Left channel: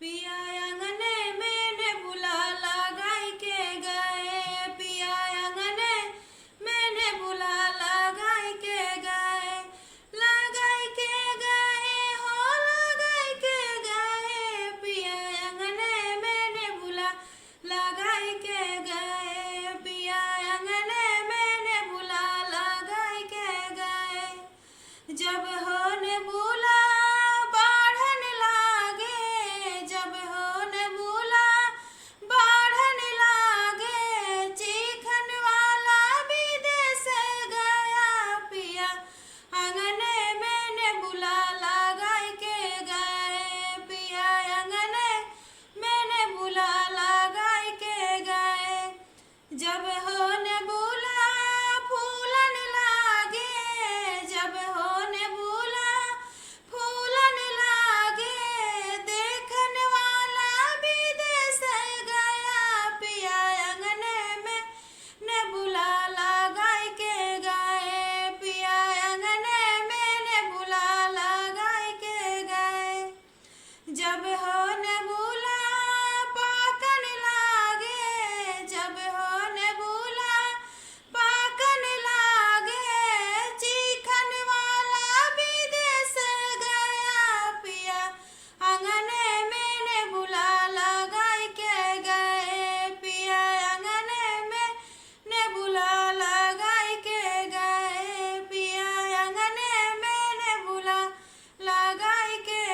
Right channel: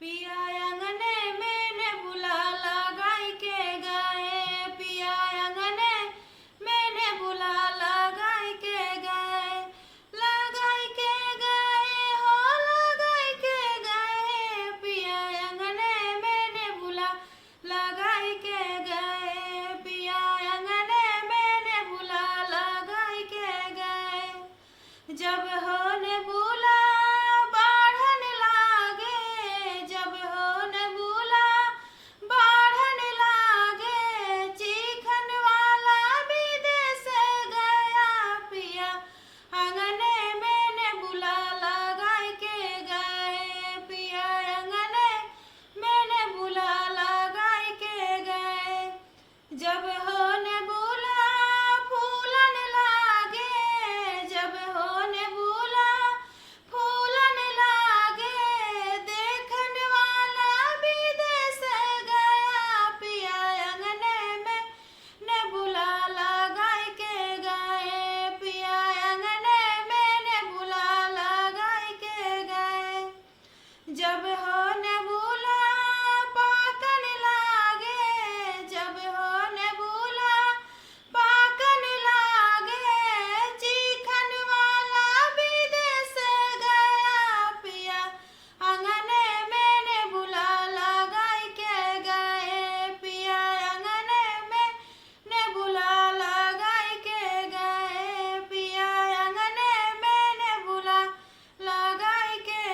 पिया अंगने में ने बुला लगाई के गए, पिया अंगने में ने बुला लगाई के गए, लगाई के गए हो लगाई के गए, पिया अंगने में ने बुला लगाई के गए, पिया अंगने में ने बुला लगाई के गए। जब होने बुला बाढ़न लागे, जब होने बुला बाढ़न लागे, चीखन वाला विदेश गया, पिया अंगने में ने बुला लगाई के गए, पिया अंगने में ने बुला लगाई के गए। जब होने